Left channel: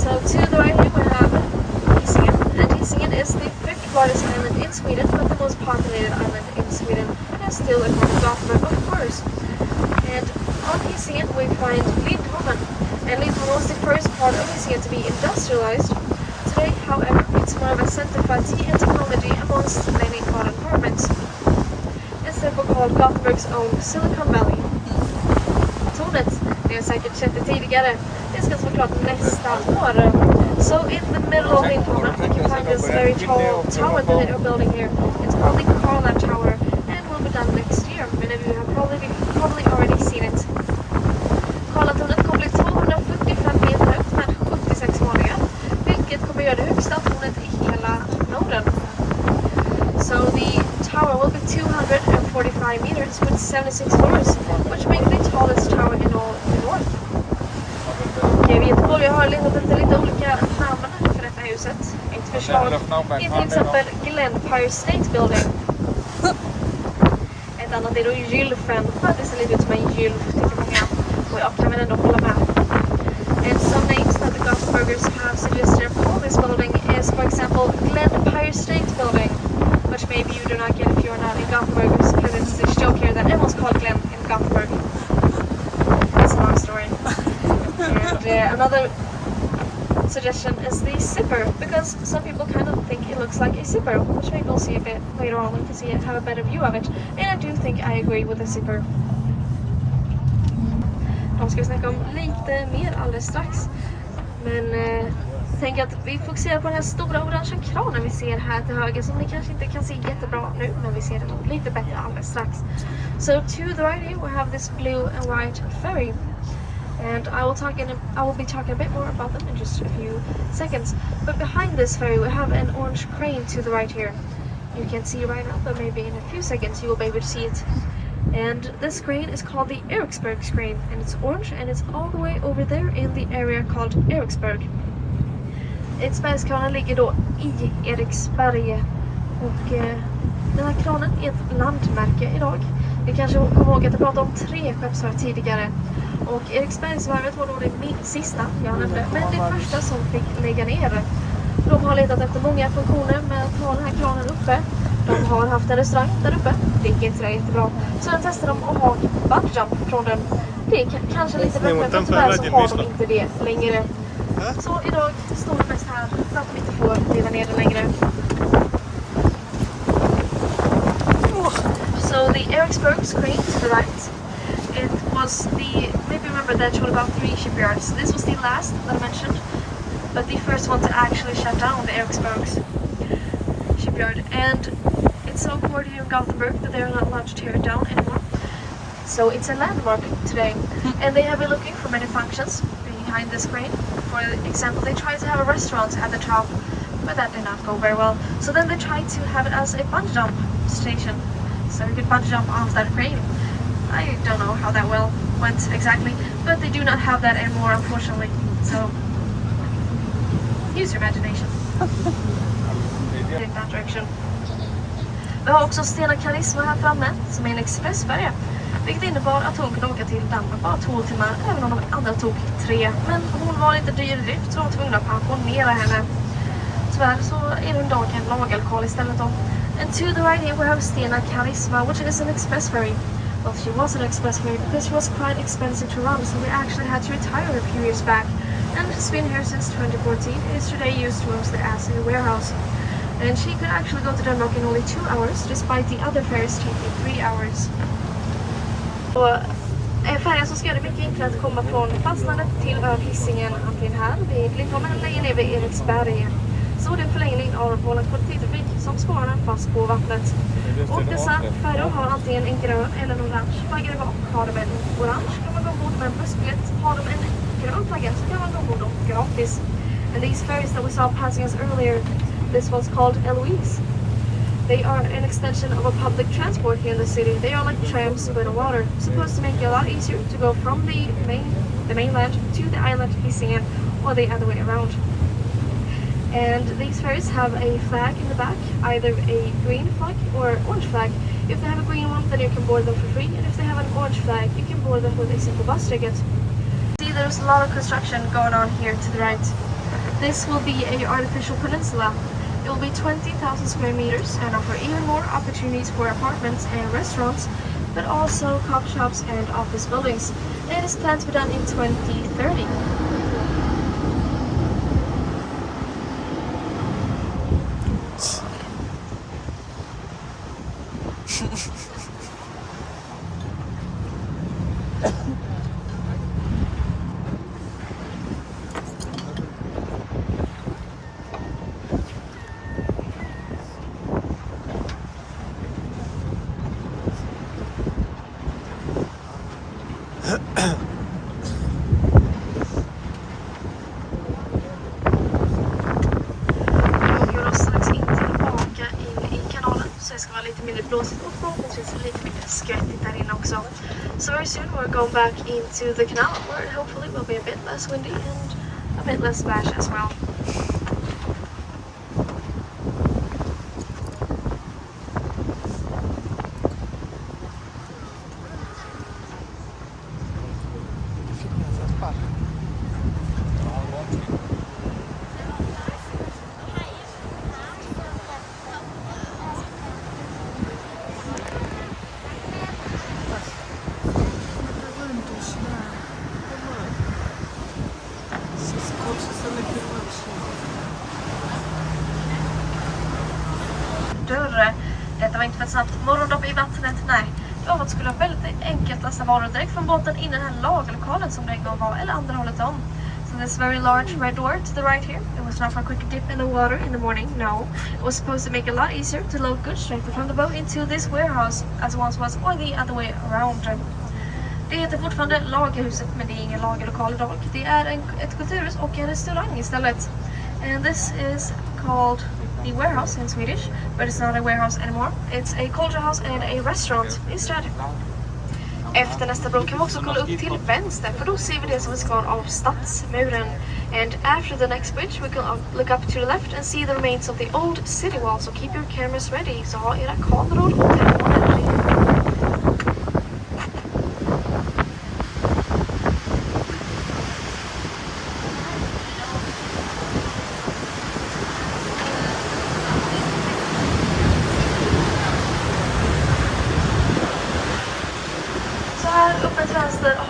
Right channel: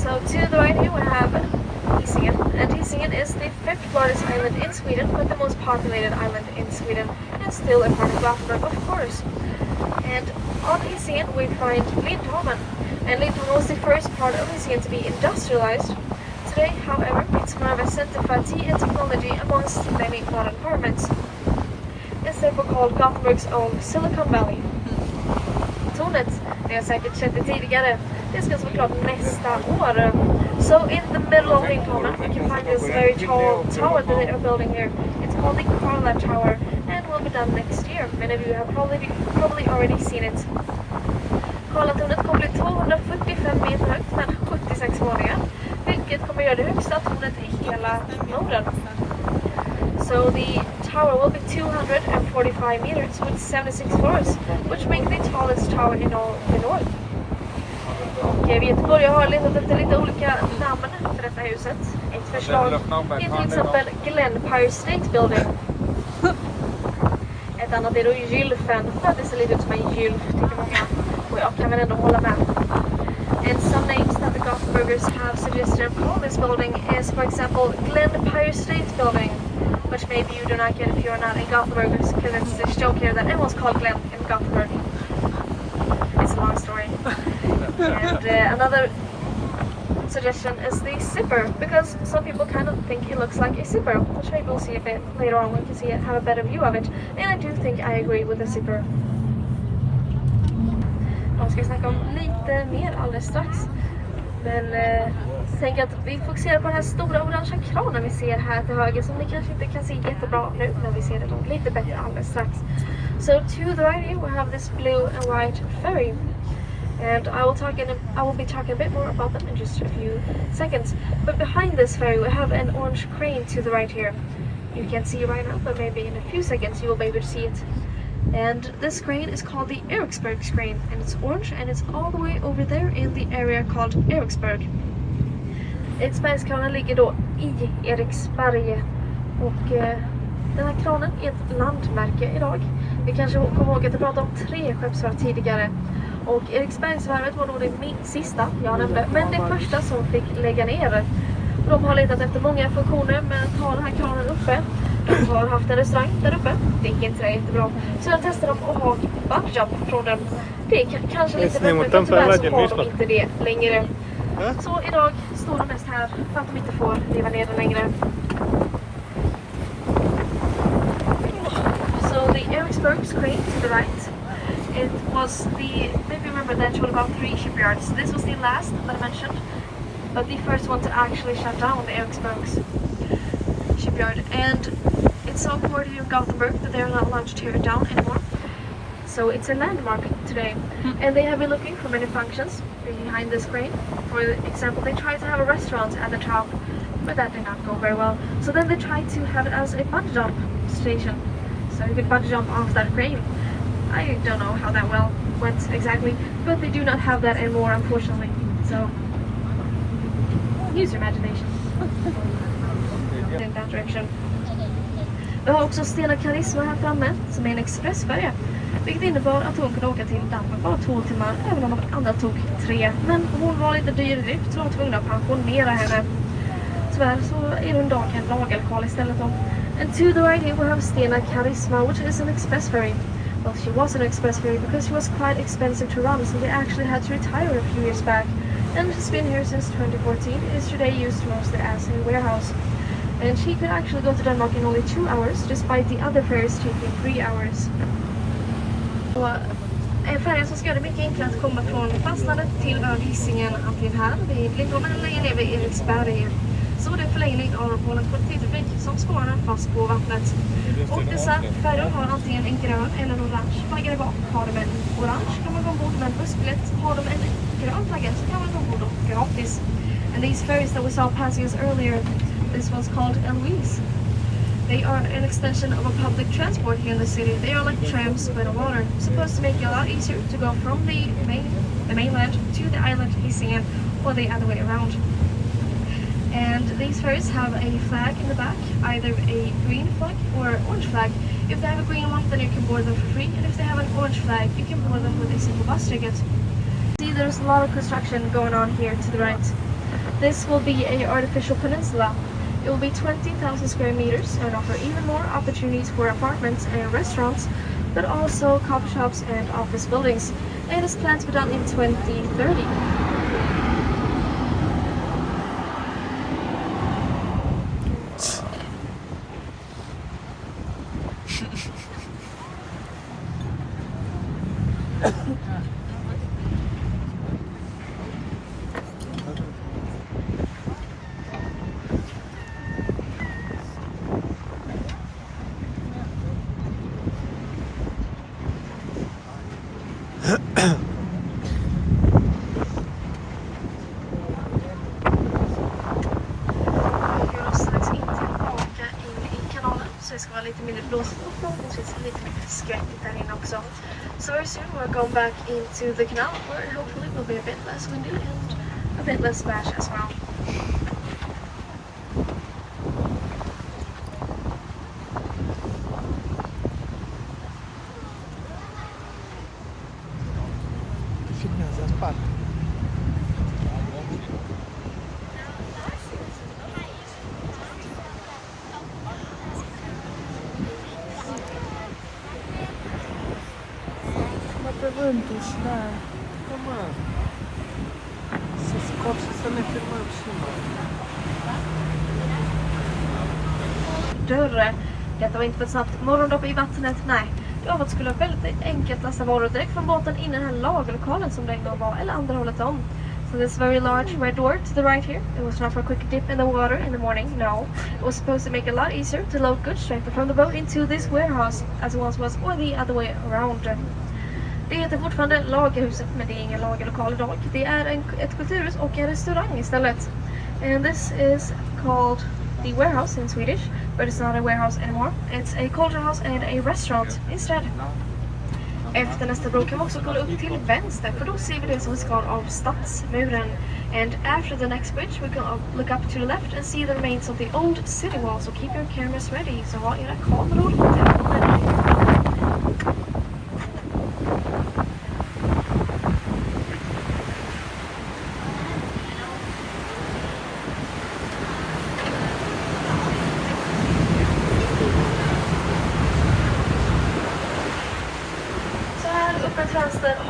So to the right here we have Hisingen, and Hisingen is the 5th largest island in Sweden, but the most populated island in Sweden, and still a part of Gothenburg, of course. And on Hisingen we find Lindholmen, and Lindholmen was the first part of Hisingen to be industrialized. Today, however, it's more of a center for IT and technology amongst many modern apartments. It's therefore called Gothenburgs own Silicon Valley. Tornet, det har säkert sett det tidigare, det ska såklart nästa år. So in the middle of Lindholmen, you can find this very tall tower that they are building here. It's called the Colab Tower, and will be done next year. Many of you have probably already seen it. Karlatornet kommer bli 245 meter högt med 76 våningar, vilket kommer göra det högsta tornet i hela Norden. So the tower will be 245 meters with 76 floors, which makes it the tallest tower in all the north. Och Göteborg har letat efter lite olika namn för detta huset. Ett förslag är till exempel Empire State Building. Ett annat är då Gylfen, för att det ser lite ut som en gylf tycker många. Och jag kan väl ändå hålla med. And some names that the Gothenburgers have suggested for this building is, for example, Empire State Building, which maybe you do not get if you are not a Gothenburgers, because it's a joke here that everyone's called Glenn in Gothenburg. It's a long story. And another suggestion is the zipper, because some people kind of think it looks like a zipper, which maybe we'll see a bit later on when you see it, have a better view of it. And I do think I agree with the zipper. De ska vi snacka om lite mer alldeles strax. Men tänk att vi fokuserar på den här stora orangea kranen vi ser här till höger, som ni kanske inte kan se jättebra nu, men vi ser det nog lite bättre alldeles strax. So to the right here we have this blue and white ferry. And I will be talking a bit more about them in just a few seconds. But behind this ferry we have an orange crane to the right here. You can't see it right now, but maybe in a few seconds you will be able to see it. And this crane is called the Eriksberg crane, and it's orange, and it's all the way over there in the area called Eriksberg. Eriksbergskranen ligger då i Eriksberg, och den här kranen är ett landmärke idag. Vi kanske kommer ihåg att jag pratade om 3 skeppsvarv tidigare. Och Eriksbergsvarvet var nog det sista jag nämnde, men det första som fick lägga ner. De har letat efter många funktioner med att ha den här kranen uppe. De har haft en restaurang där uppe, det gick inte det jättebra. Så jag testade dem att ha bungyjump från den. Det är kanske lite bekvämt, tyvärr så har de inte det längre. Så idag står de mest här för att de inte får leva ner det längre. So the Eriksberg crane to the right. It was maybe remember that showed about 3 shipyards. This was the last that I mentioned, but the first one to actually shut down the Eriksberg's shipyard. And it's so important here in Gothenburg that they're not allowed to tear it down anymore. So it's a landmark today, and they have been looking for many functions behind this crane. For example, they tried to have a restaurant at the top, but that did not go very well. So then they tried to have it as a bungee jump station, so you could bungee jump off that crane. I don't know how that went exactly, but they do not have that anymore, unfortunately. So use your imagination in that direction. Vi har också Stena Karisma här framme, som är en expressfärja, vilket innebar att hon kunde åka till Danmark bara 2 timmar, även om de andra tog 3. Men hon var lite dyr i drift, så de var tvungna att pensionera henne. Tyvärr så är hon idag en lagalkohol istället då. And to the right here we have Stena Karisma, which is an express ferry. Well, she was an express ferry because it was quite expensive to run, so they actually had to retire a few years back. And she's been here since 2014. It is today used mostly as a warehouse. And she could actually go to Denmark in only 2 hours, despite the other ferries taking 3 hours. Och en färja som ska göra det mycket enklare att komma från fastlandet till ön Hisingen, antingen här vid Lindholmen eller längre ner vid Eriksberg. Så det är en förlängning av vår kollektivtrafik som sparar fast på vattnet. Och dessa färjor har antingen en grön eller en orange flagga bak. Har de en orange kan man gå ombord med en bussbiljett. Har de en grön flagga så kan man gå ombord gratis. And these ferries that we saw passing us earlier, this one's called Eloise. They are an extension of a public transport here in the city. They are like trams but on water, supposed to make it a lot easier to go from the mainland to the island Hisingen, or the other way around. And these ferries have a flag in the back, either a green flag or orange flag. If they have a green one, then you can board them for free, and if they have an orange flag, you can board them with a simple bus ticket. See, there's a lot of construction going on here to the right. This will be an artificial peninsula. It will be 20,000 square meters and offer even more opportunities for apartments and restaurants, but also coffee shops and office buildings. It is planned to be done in 2030. So very soon we're going back into the canal where it hopefully will be a bit less windy and a bit less splash as well. Detta var inte för ett snabbt morgondopp i vattnet, nej. Det var att skulle vara väldigt enkelt nästan vara direkt från båten in i den här lagerlokalen som det en gång var, eller andra hållet om. So this very large red door to the right here, it was not for a quick dip in the water in the morning, no. It was supposed to make it a lot easier to load goods directly from the boat into this warehouse as it once was, or the other way around. Det heter fortfarande lagerhuset, men det är ingen lagerlokal idag. Det är ett kulturhus och en restaurang istället. And this is called the warehouse in Swedish, but it's not a warehouse anymore. It's a culture house and a restaurant instead. Efter nästa bro kan vi också kolla upp till vänster, för då ser vi det som är kvar av stadsmuren. And after the next bridge we can look up to the left and see the remains of the old city wall, so keep your cameras ready. Så ha era kameror ready.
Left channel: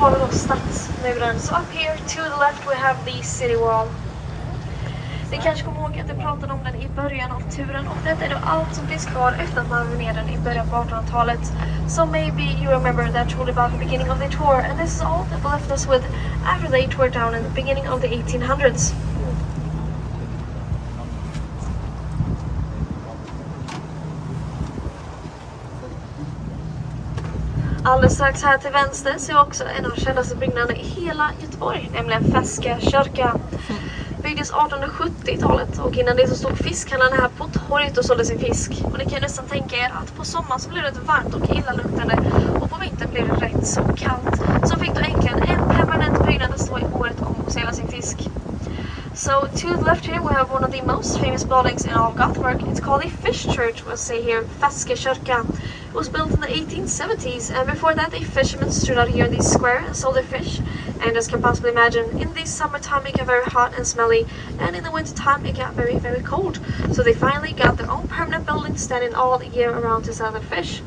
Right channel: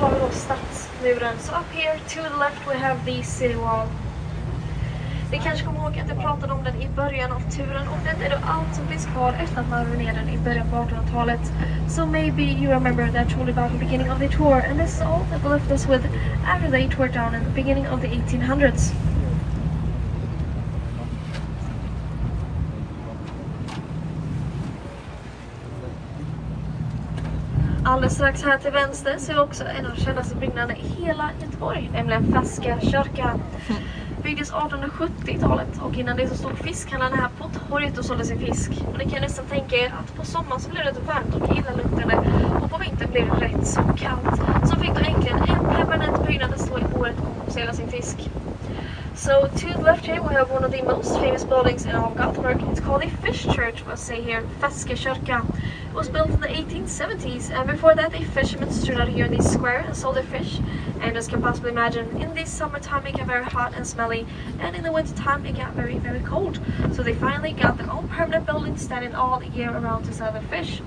Har vi då stadsmuren. So up here to the left we have the city wall. Ni kanske kommer ihåg att jag pratade om den i början av turen, och detta är då allt som finns kvar efter att man var ner den i början på 1800-talet. So maybe you remember that truly about the beginning of the tour, and this is all that they left us with after they tore down in the beginning of the 1800s. Alldeles strax här till vänster ser vi också en av de kändaste byggnaderna i hela Göteborg, nämligen Feskekörka. Byggdes 1870-talet, och innan det så stod fiskhandlaren här på torget och sålde sin fisk. Och ni kan nästan tänka er att på sommaren så blev det varmt och illaluktande, och på vintern blev det rätt så kallt. Så fick då äntligen en permanent byggnad att stå i året och sälja sin fisk. So to the left here we have one of the most famous buildings in all of Gothenburg. It's called the Fish Church, we'll say here, Feskekörka. It was built in the 1870s, and before that the fishermen stood out here in the square and sold their fish. And as you can possibly imagine, in the summertime it got very hot and smelly, and in the wintertime it got very, very cold. So they finally got their own permanent building standing all year around to sell their fish.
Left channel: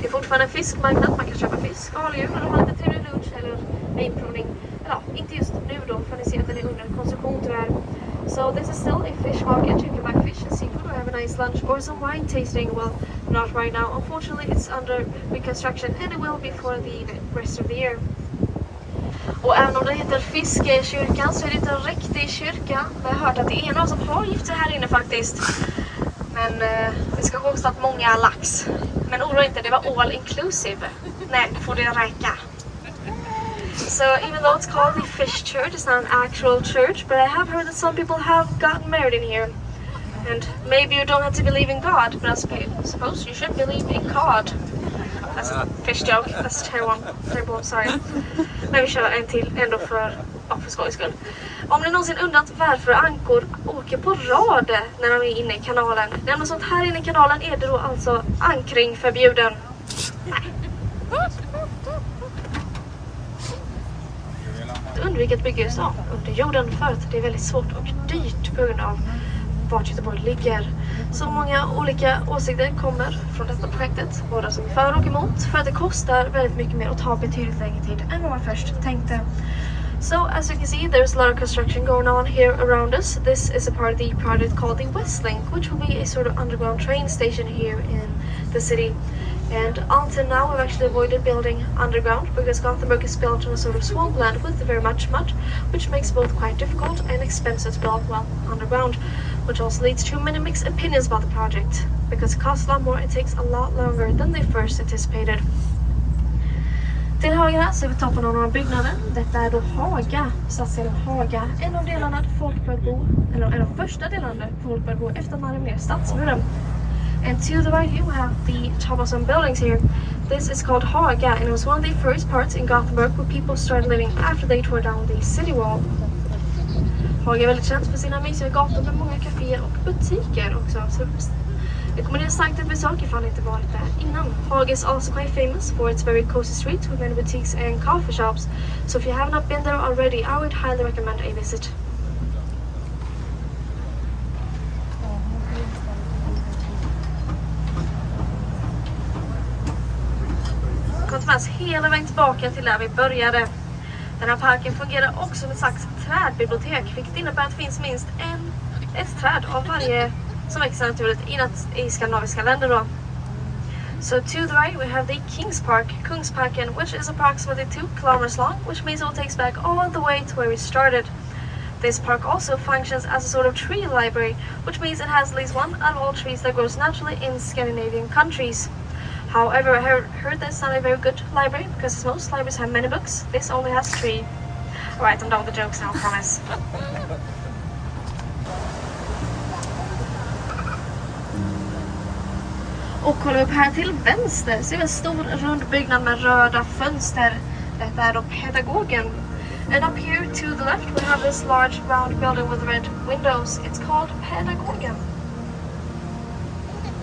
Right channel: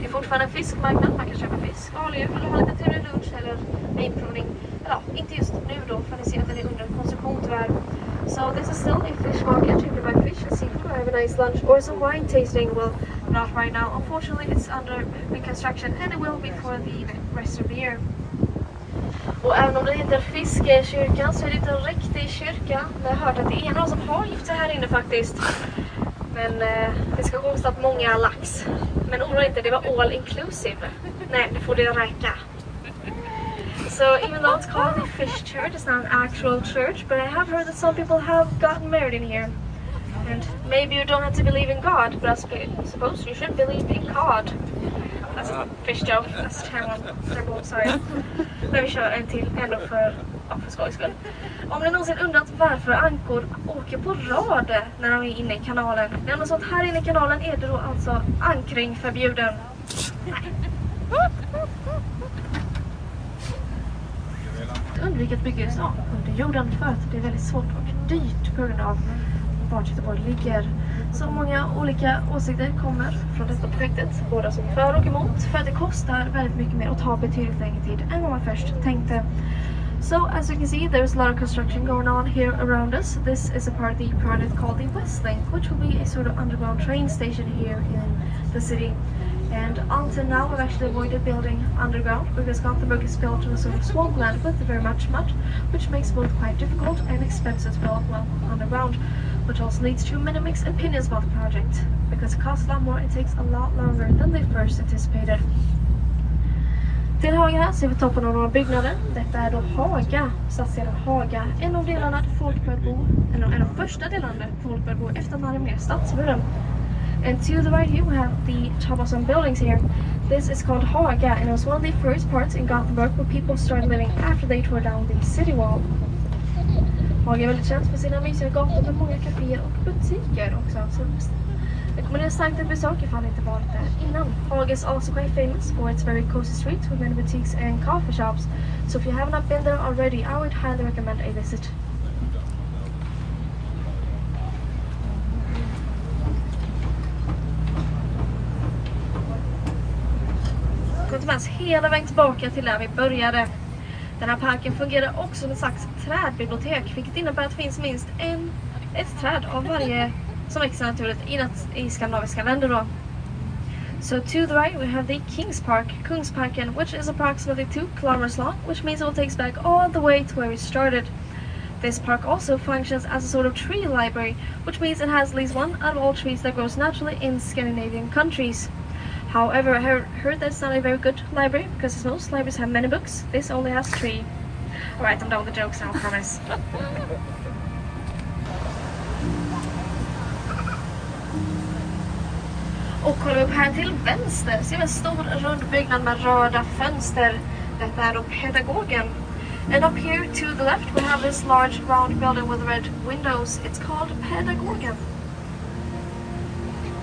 Det är fortfarande en fiskmarknad, man kan köpa fisk och hålla men ha lite trevlig lunch eller vinprovning. Ja, inte just nu då, för ni ser att den är under konstruktion tyvärr. So this is still a fish market. You can buy fish and seafood or have a nice lunch or some wine tasting. Well, not right now. Unfortunately, it's under reconstruction and it will be for the rest of the year. Och även om det heter Feskekörkan så är det inte en riktig kyrka. Men jag har hört att det är någon som har gift sig här inne faktiskt. Men det ska kosta att många lax. Men oroa inte, det var all inclusive. Nej, det får det räcka. So even though it's called the Fish Church, it's not an actual church, but I have heard that some people have gotten married in here. And maybe you don't have to believe in God, but I suppose you should believe in cod. That's a fish joke, that's terrible, sorry. Men vi kör en till, ändå för skojs skull. Om ni någonsin undrat varför ankor åker på rad när de är inne i kanalen. När något sånt här inne i kanalen är det då alltså ankring förbjuden. Nej. vilket bygger under jorden för att det är väldigt svårt och dyrt på grund av vart Göteborg ligger. Så många olika åsikter kommer från detta projektet, både som för och emot, för att det kostar väldigt mycket mer och tar betydligt längre tid än vad man först tänkte. So as you can see, there's a lot of construction going on here around us. This is a part of the project called the West Link, which will be a sort of underground train station here in the city. And until now, we've actually avoided building underground because Gothenburg is built on a sort of swampland with very much mud, which makes both quite difficult and expensive to build well underground, which also leads to many mixed opinions about the project because it costs a lot more and takes a lot longer than they first anticipated. Till höger här ser vi toppen av några byggnader. Detta är då Haga, stadsdelen Haga. En av delarna där folk började bo, eller en av första delarna där folk började bo efter att man hade mer stadsmuren. And to the right here we have the top of some buildings here. This is called Haga and it was one of the first parts in Gothenburg where people started living after they tore down the city wall. Haga är väldigt känt för sina mysiga gator med många kaféer och butiker också. Så jag kommer ner starkt att besöka ifall ni inte varit där innan. Haga is also quite famous for its very cozy streets with many boutiques and coffee shops. So if you have not been there already, I would highly recommend a visit. Hela vägen tillbaka till där vi började. Den här parken fungerar också som ett slags trädbibliotek, vilket innebär att det finns minst ett träd av varje som växer naturligt i skandinaviska länder då. So to the right we have the Kungsparken, which is approximately 2 kilometers long, which means it will take us back all the way to where we started. This park also functions as a sort of tree library, which means it has at least one out of all trees that grows naturally in Scandinavian countries. However, I heard that's not a very good library because as most libraries have many books, this only has 3. Alright, I'm done with the jokes now, I promise. Och kolla upp här till vänster ser vi en stor rund byggnad med röda fönster. Detta är då Pedagogen. And up here to the left we have this large round building with red windows. It's called Pedagogen.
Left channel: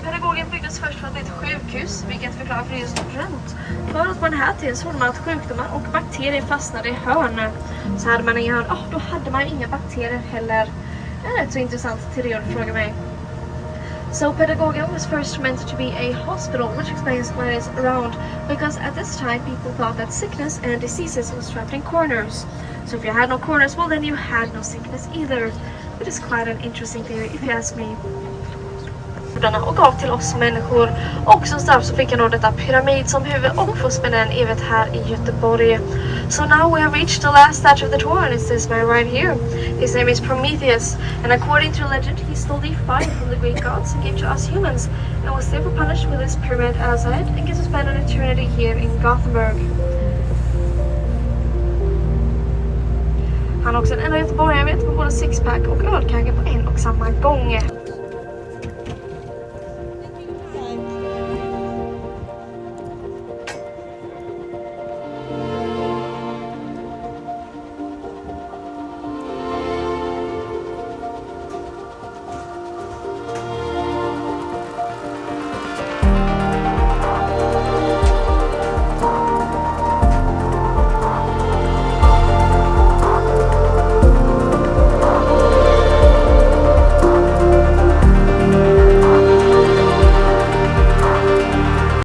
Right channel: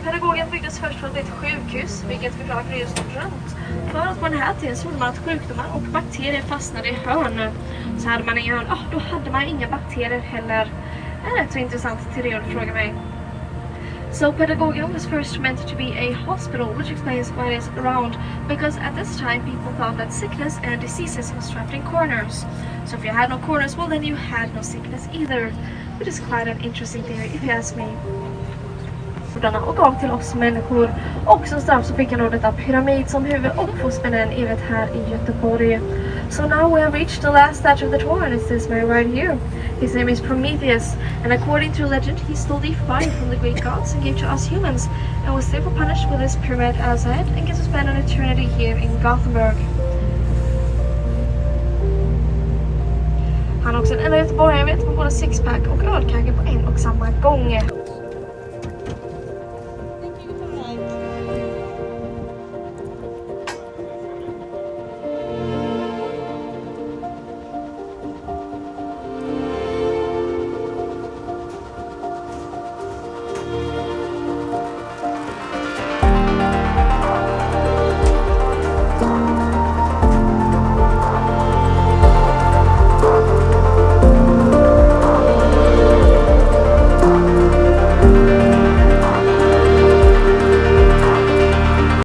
Pedagogen byggdes först för att bli ett sjukhus, vilket förklarar för just runt. För att man här till så man att sjukdomar och bakterier fastnade i hörn. Så hade man inga hörn, då hade man inga bakterier heller. Det är rätt så intressant till det du frågar mig. So Pedagogen was first meant to be a hospital, which explains why it's round, because at this time people thought that sickness and diseases was trapped in corners. So if you had no corners, well then you had no sickness either. Which is quite an interesting theory if you ask me. Och gav till oss människor. Och som straff så fick jag då detta pyramid som huvud och får spela en evighet här i Göteborg. So now we have reached the last statue of the tour and it's this man right here. His name is Prometheus and according to legend he stole the fire from the Greek gods and gave to us humans and was therefore punished with his pyramid as a head and gets to spend an eternity here in Gothenburg. Han är också en enda göteborgare med både sixpack och ölkagge på en och samma gång.